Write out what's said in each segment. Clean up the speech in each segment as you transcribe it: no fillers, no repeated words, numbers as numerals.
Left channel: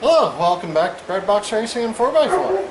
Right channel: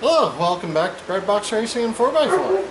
Hello, welcome back to Breadbox Racing and 4x4.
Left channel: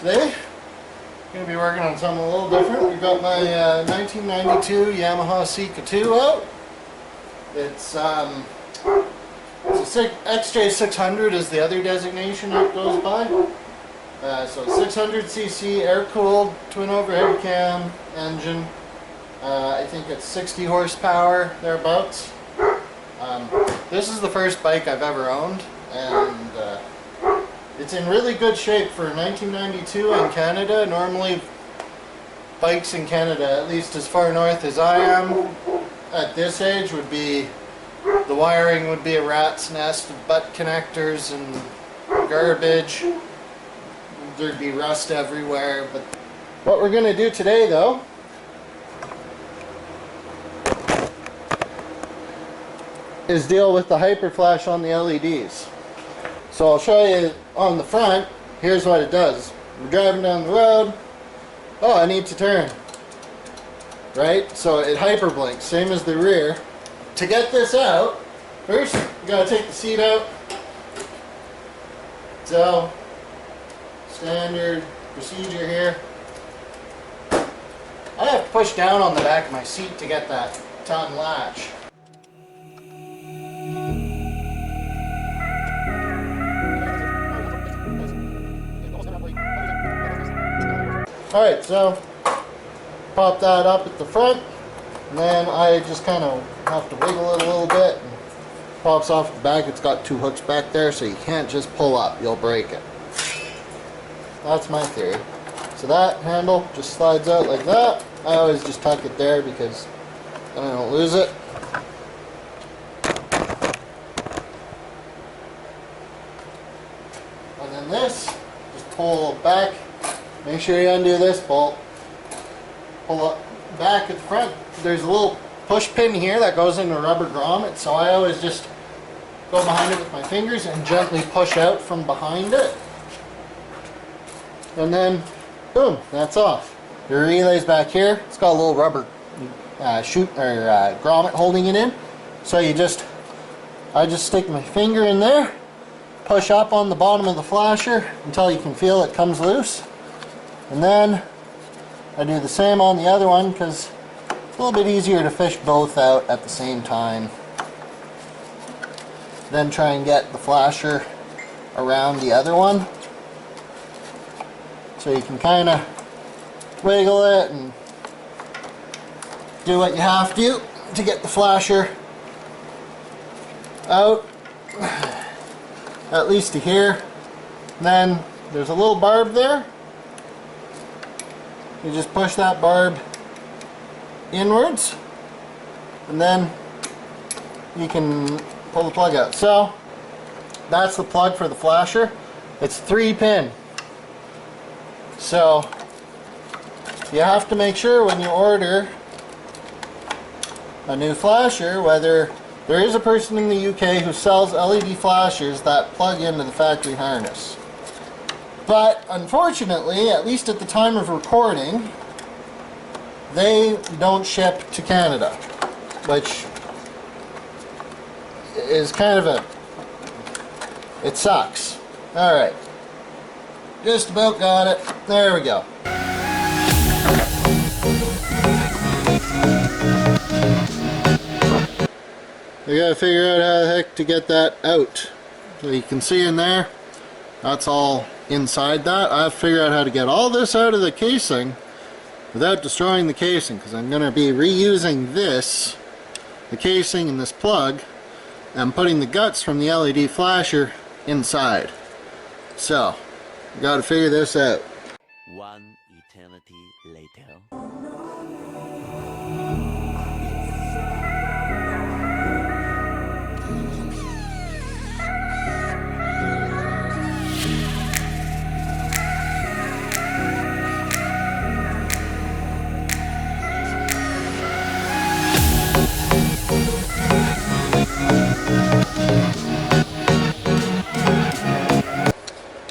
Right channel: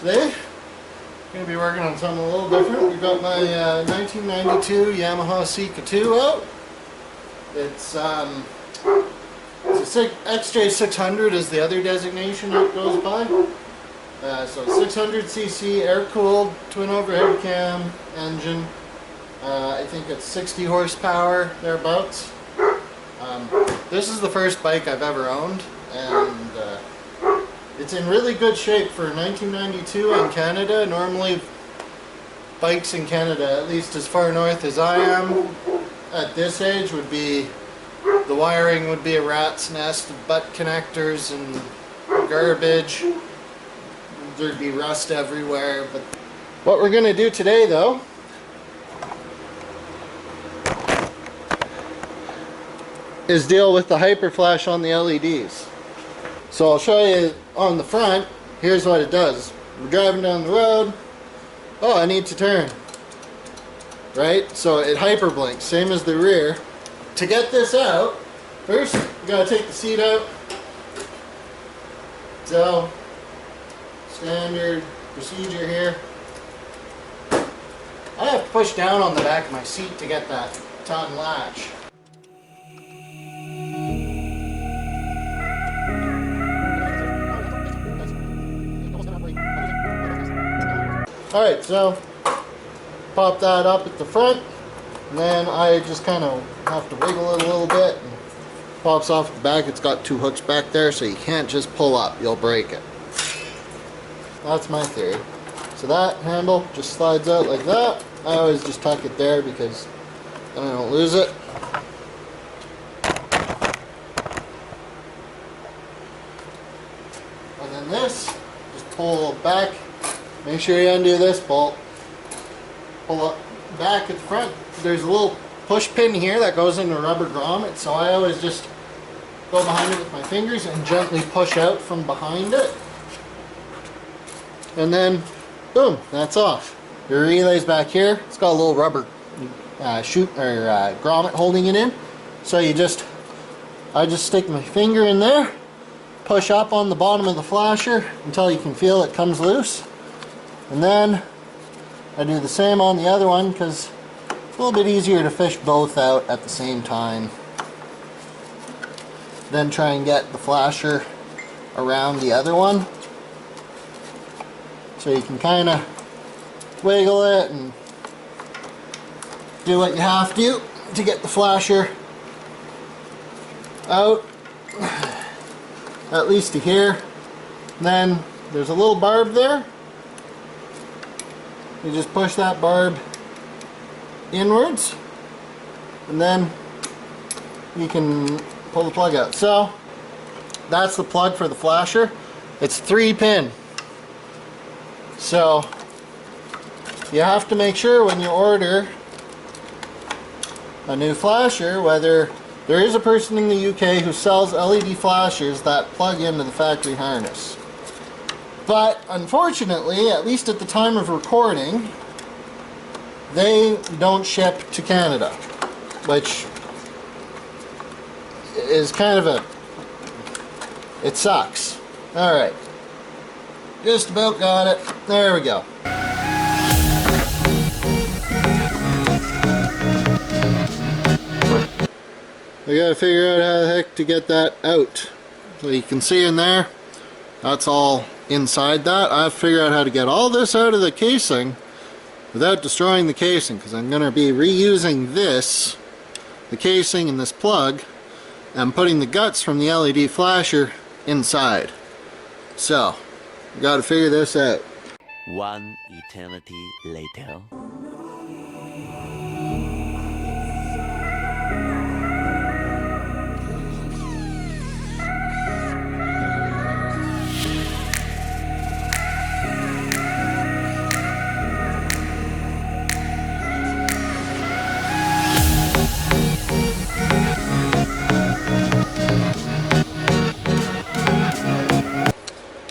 Today, I'm going to be working on something a little different. We've got my 1992 Yamaha XJ out. It's a XJ 600 is the other designation it goes by. So 600cc air-cooled twin overhead cam engine. I think it's 60 horsepower, thereabouts. This is the first bike I've ever owned, and it's in really good shape for 1992 in Canada. Normally bikes in Canada, at least as far north as I am at this age, would be, the wiring would be a rat's nest of butt connectors and garbage. There'd be rust everywhere. But what we're going to do today, though, is deal with the hyper flash on the LEDs. So I'll show you on the front. Here's what it does. We're driving down the road. Oh, I need to turn. Right? So it hyper blinks, same as the rear. To get this out, first you gotta take the seat out. So, standard procedure here. I have to push down on the back of my seat to get that ton latch. Alright, so pop that up at the front, and then I just kind of have to wiggle it a little bit, and pops off the back. It's got two hooks back there, so you can't just pull up, you'll break it. That's my theory. So that handle just slides out like that. I always just tuck it there because then I don't lose it. And then this, just pull back. Make sure you undo this bolt. Pull up back at the front. There's a little push pin here that goes into a rubber grommet, so I always just go behind it with my fingers and gently push out from behind it. And then, boom, that's off. Your relay's back here. It's got a little rubber grommet holding it in. So I just stick my finger in there, push up on the bottom of the flasher until you can feel it comes loose. And then I do the same on the other one because it's a little bit easier to fish both out at the same time. Then try and get the flasher around the other one. So you can kind of wiggle it and do what you have to get the flasher out, at least to here. And then there's a little barb there. You just push that barb inwards, and then you can pull the plug out. So that's the plug for the flasher. It's 3-pin. So you have to make sure when you order a new flasher, whether there is a person in the UK who sells LED flashers that plug into the factory harness. But unfortunately, at least at the time of recording, they don't ship to Canada, which is kind of it sucks. Alright, just about got it. There we go. We gotta figure out how the heck to get that out. So you can see in there, that's all inside that. I have to figure out how to get all this out of the casing without destroying the casing, because I'm going to be reusing this, the casing and this plug, and putting the guts from the LED flasher inside. So, we got to figure this out. One eternity later.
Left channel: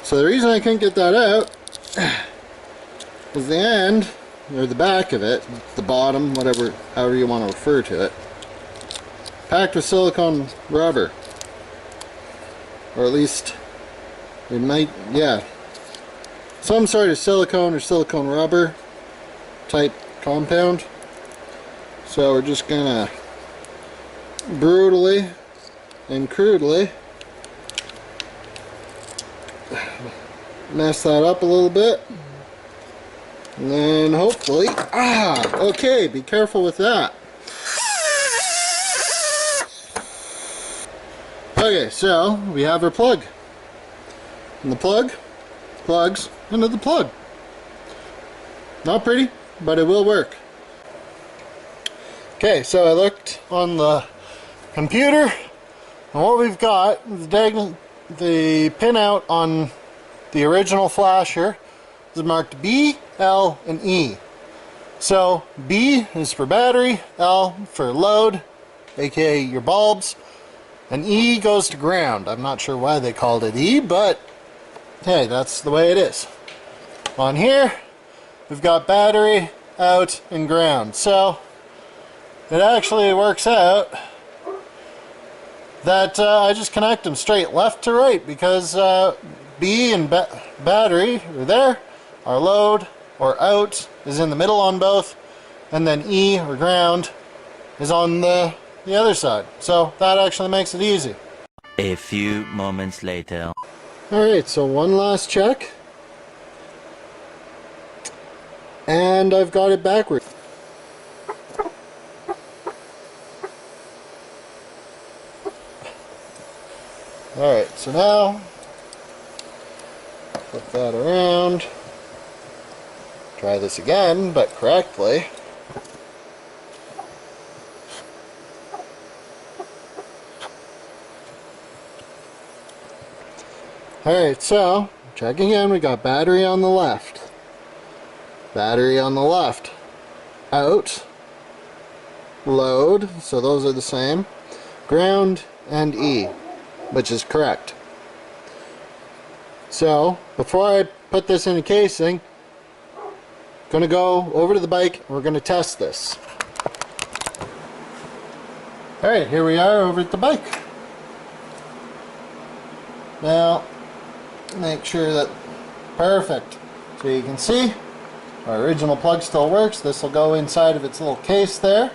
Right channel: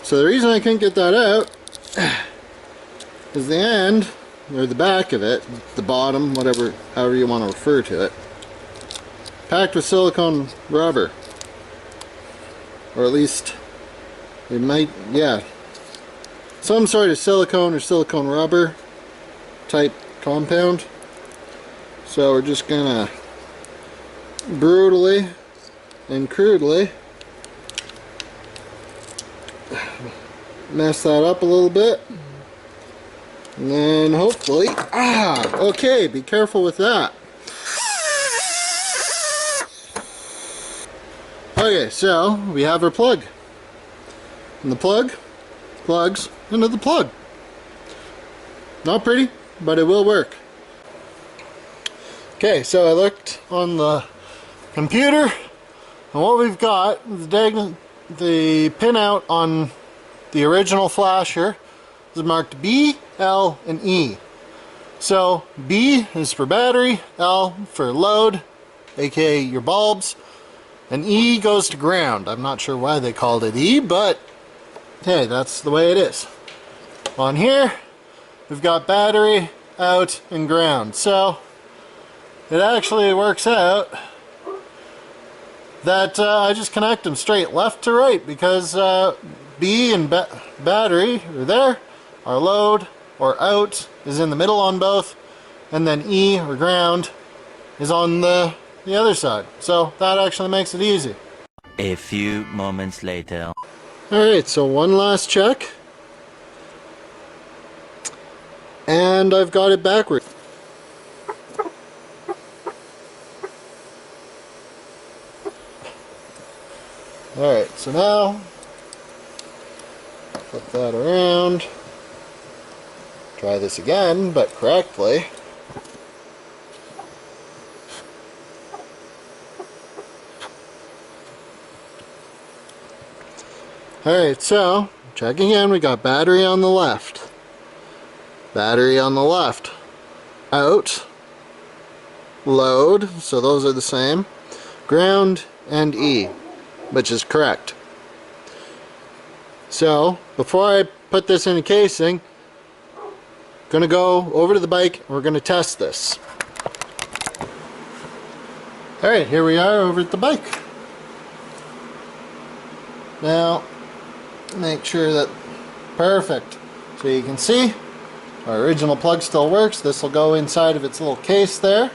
So the reason I couldn't get that out is the end, or the back of it, the bottom, whatever, however you want to refer to it, packed with silicone rubber. Or at least It might, yeah, some sort of silicone or silicone rubber type compound. So we're just gonna brutally and crudely mess that up a little bit, and then hopefully, okay, be careful with that. Okay, so we have our plug, and the plug plugs into the plug. Not pretty, but it will work. Okay, so I looked on the computer, and what we've got is the pinout on the original flasher is marked B, L, and E. So B is for battery, L for load, aka your bulbs, and E goes to ground. I'm not sure why they called it E, but hey, that's the way it is. On here, we've got battery, out, and ground. So it actually works out that I just connect them straight left to right, because B and battery are there, our load or out is in the middle on both, and then E or ground is on the other side. So that actually makes it easy. A few moments later. Alright, so one last check, and I've got it backwards. Alright, so now flip that around, try this again, but correctly. Alright, so checking in, we got battery on the left, battery on the left, out, load, so those are the same, ground, and E, which is correct. So before I put this in a casing, I'm gonna go over to the bike and we're gonna test this. Alright, here we are over at the bike. Now make sure that perfect, so you can see our original plug still works. This will go inside of its little case there,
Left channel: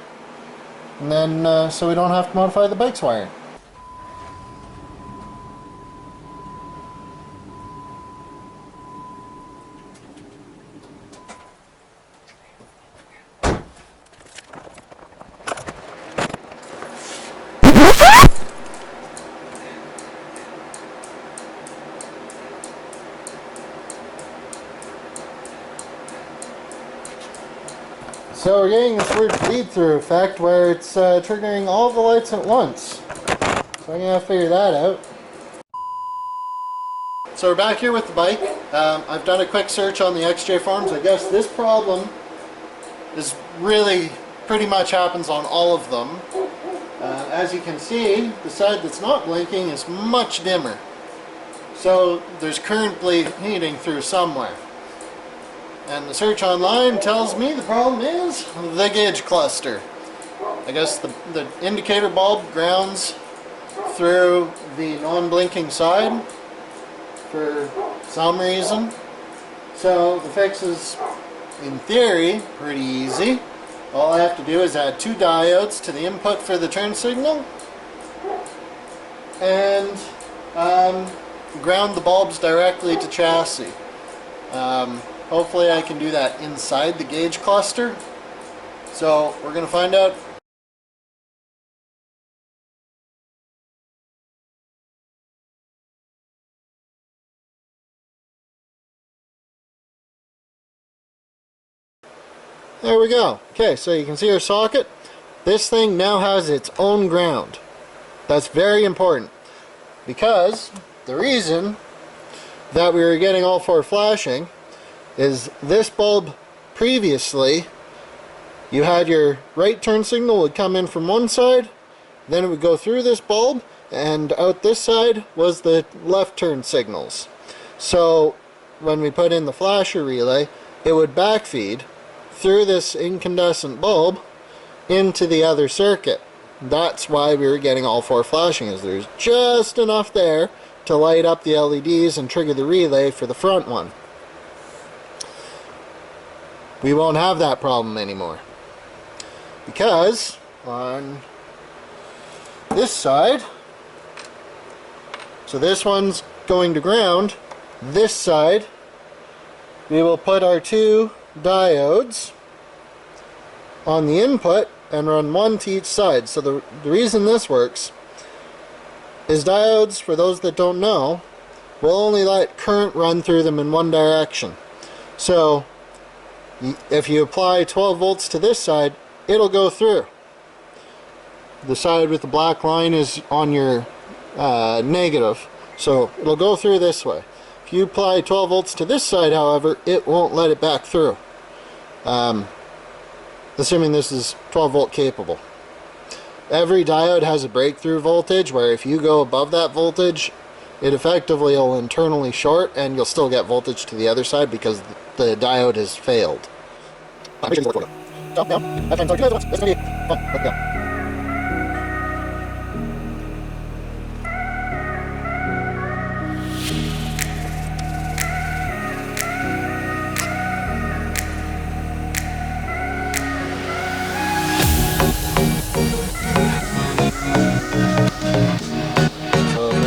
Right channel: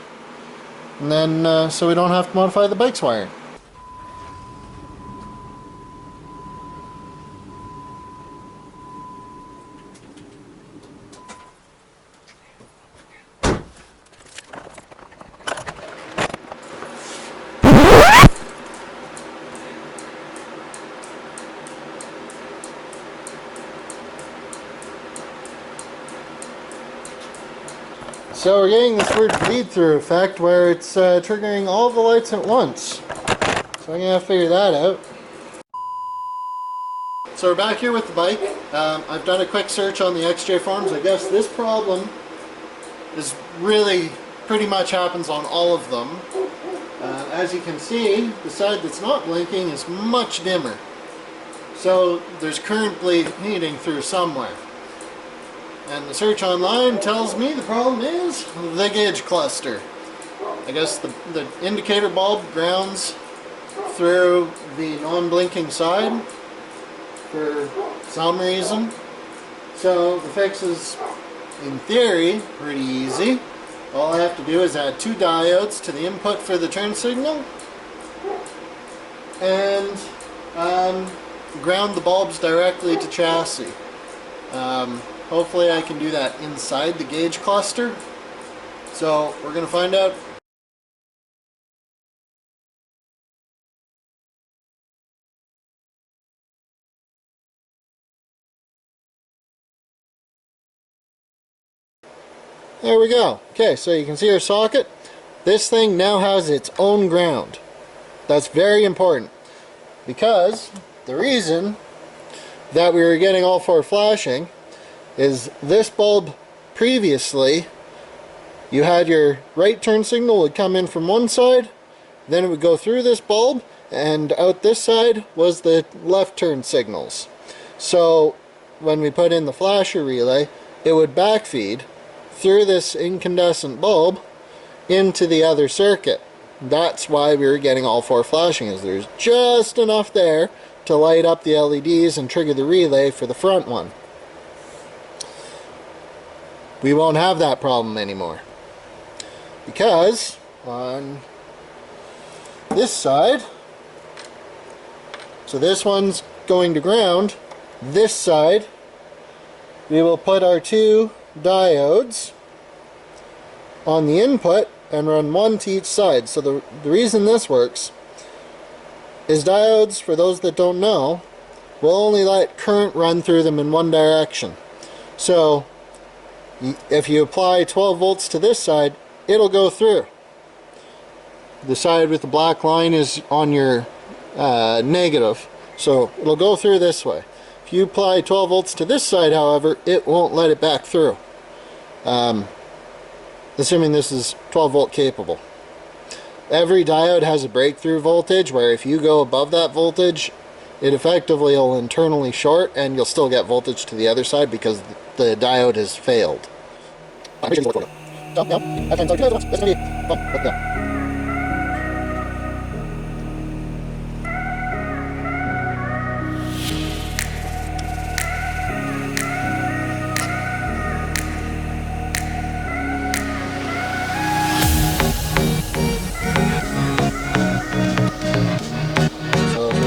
and then so we don't have to modify the bike's wiring. So we're getting this weird bleed-through effect where it's triggering all the lights at once. So I'm going to have to figure that out. So we're back here with the bike. I've done a quick search on the XJ forums. I guess this problem is really pretty much happens on all of them. As you can see, the side that's not blinking is much dimmer. So there's current bleeding through somewhere. And the search online tells me the problem is the gauge cluster. I guess the indicator bulb grounds through the non-blinking side for some reason. So the fix is, in theory, pretty easy. All I have to do is add 2 diodes to the input for the turn signal and ground the bulbs directly to chassis. Hopefully I can do that inside the gauge cluster. So we're going to find out. There we go. Okay, so you can see our socket. This thing now has its own ground. That's very important, because the reason that we were getting all 4 flashing is this bulb previously, you had your right turn signal would come in from one side, then it would go through this bulb, and out this side was the left turn signals. So when we put in the flasher relay, it would backfeed through this incandescent bulb into the other circuit. That's why we were getting all 4 flashing, is there's just enough there to light up the LEDs and trigger the relay for the front one. We won't have that problem anymore, because on this side, so this one's going to ground, this side we will put our two diodes on the input and run one to each side. So the reason this works is diodes, for those that don't know, will only let current run through them in one direction. So if you apply 12 volts to this side, it'll go through. The side with the black line is on your negative, so it'll go through this way. If you apply 12 volts to this side, however, it won't let it back through, assuming this is 12 volt capable. Every diode has a breakthrough voltage where if you go above that voltage, it effectively will internally short and you'll still get voltage to the other side because the diode has failed.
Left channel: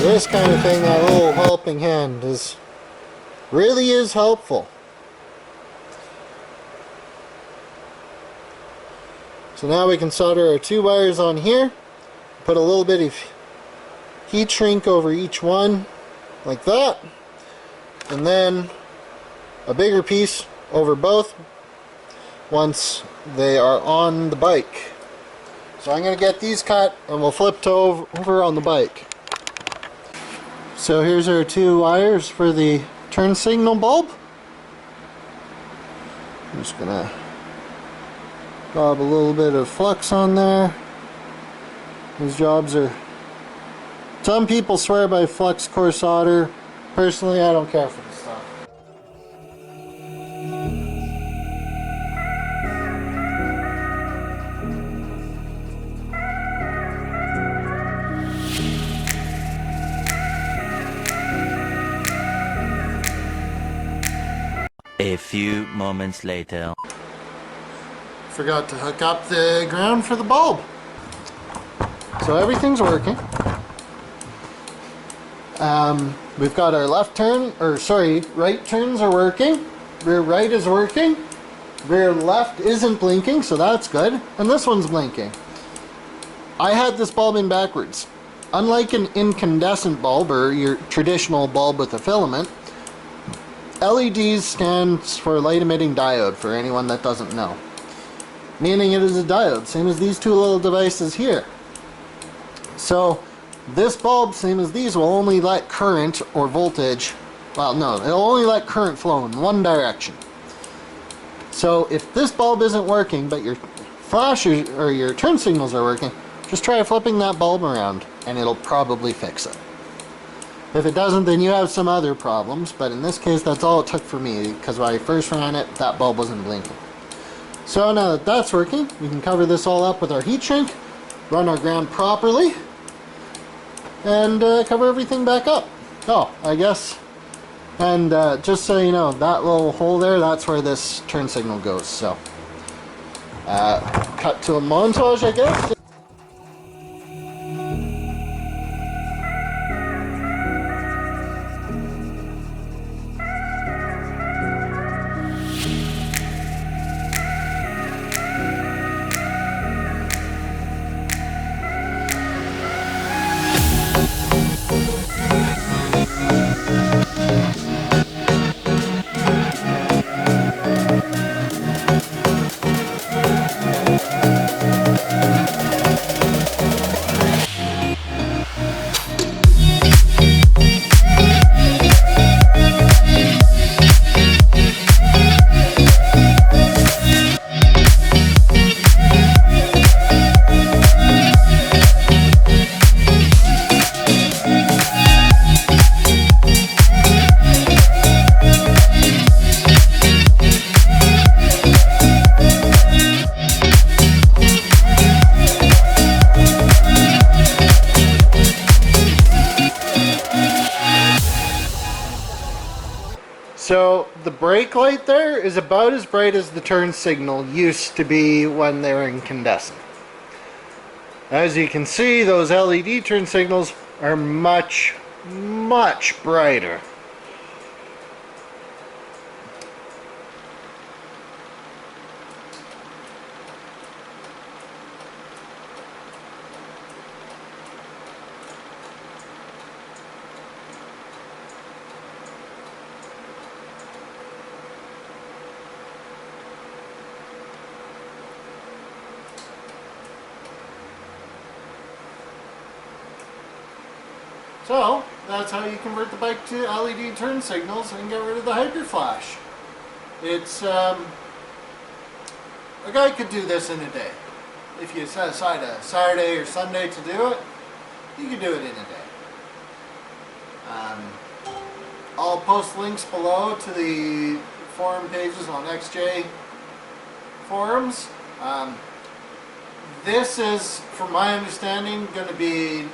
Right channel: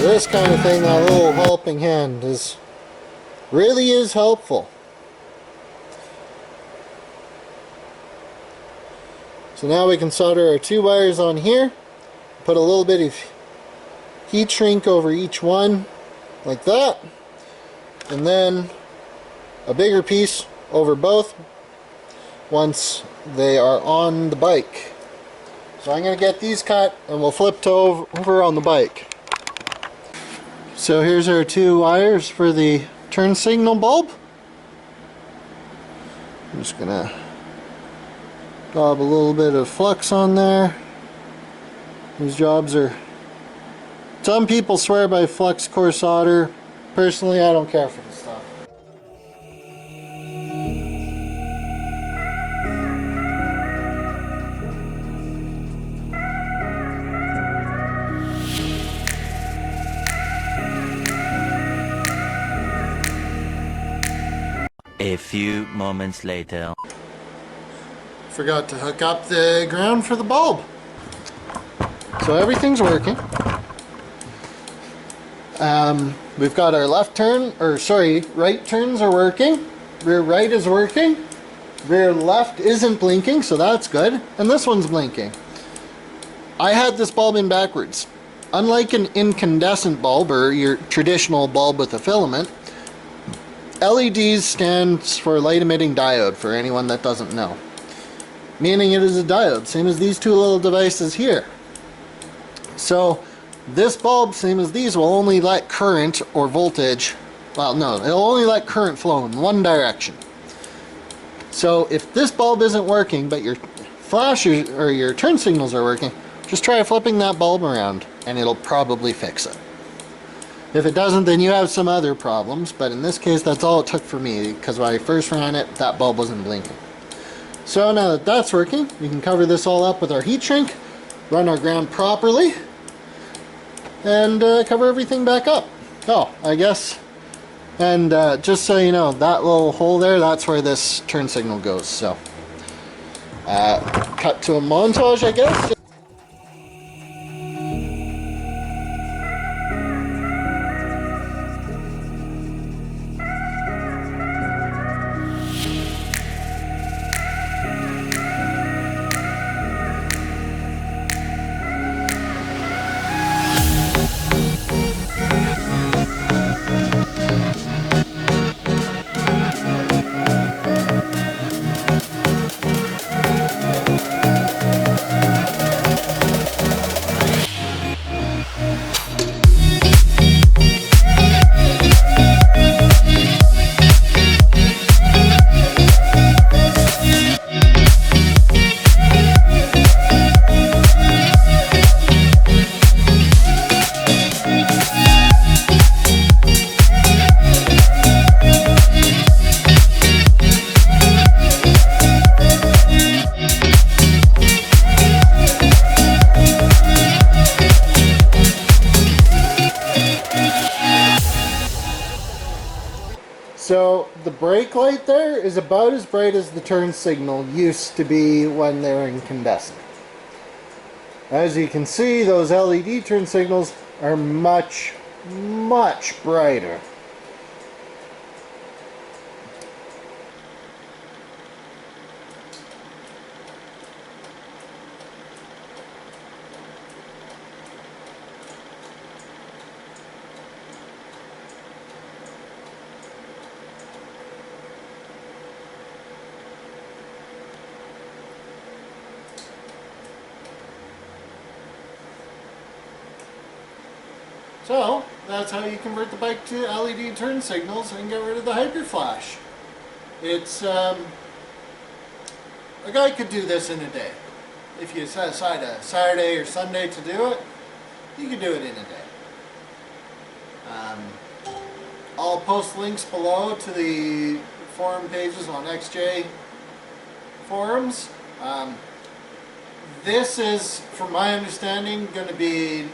This kind of thing, that little helping hand really is helpful. So now we can solder our two wires on here, put a little bit of heat shrink over each one like that, and then a bigger piece over both once they are on the bike. So I'm going to get these cut and we'll flip to over on the bike. So here's our two wires for the turn signal bulb. I'm just gonna daub a little bit of flux on there. These jobs are, some people swear by flux core solder. Personally, I don't care for this stuff. A few moments later. Forgot to hook up the ground for the bulb. So everything's working. We've got our right turns are working. Rear right is working. Rear left isn't blinking, so that's good. And this one's blinking. I had this bulb in backwards. Unlike an incandescent bulb or your traditional bulb with a filament, LEDs stands for light emitting diode, for anyone that doesn't know. Meaning it is a diode, same as these two little devices here. So this bulb, same as these, will only let current or voltage, well no, it'll only let current flow in one direction. So if this bulb isn't working, but your flashers or your turn signals are working, just try flipping that bulb around and it'll probably fix it. If it doesn't, then you have some other problems, but in this case that's all it took for me, because when I first ran it, that bulb wasn't blinking. So now that that's working, we can cover this all up with our heat shrink, run our ground properly, and cover everything back up. Oh, I guess, and just so you know, that little hole there, that's where this turn signal goes. So cut to a montage, I guess. So the brake light there is about as bright as the turn signal used to be when they were incandescent. As you can see, those LED turn signals are much, much brighter. So, that's how you convert the bike to LED turn signals and get rid of the hyper flash. It's, a guy could do this in a day. If you set aside a Saturday or Sunday to do it, you could do it in a day. I'll post links below to the forum pages on XJ forums. This is, from my understanding, going to be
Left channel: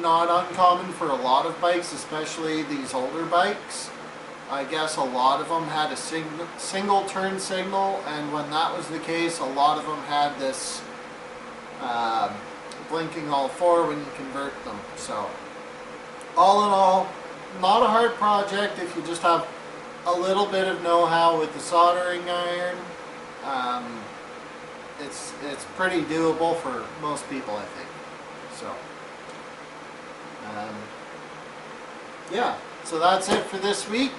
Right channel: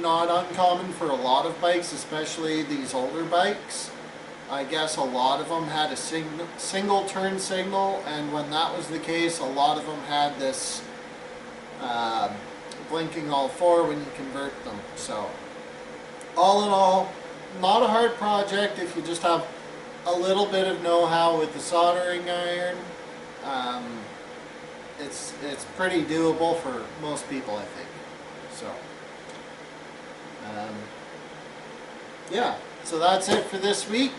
not uncommon for a lot of bikes, especially these older bikes. I guess a lot of them had a single turn signal, and when that was the case, a lot of them had this blinking all four when you convert them. So all in all, not a hard project if you just have a little bit of know-how with the soldering iron. It's pretty doable for most people, I think. So yeah, so that's it for this week.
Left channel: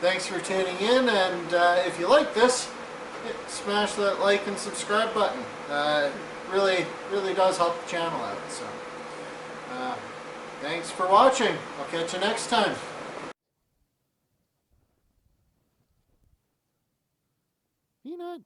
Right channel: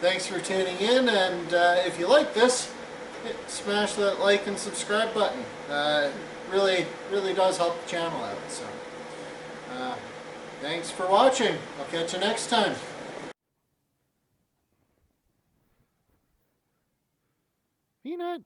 Thanks for tuning in, and if you like this, smash that like and subscribe button. Really does help the channel out. So thanks for watching. I'll catch you next time. Peanut.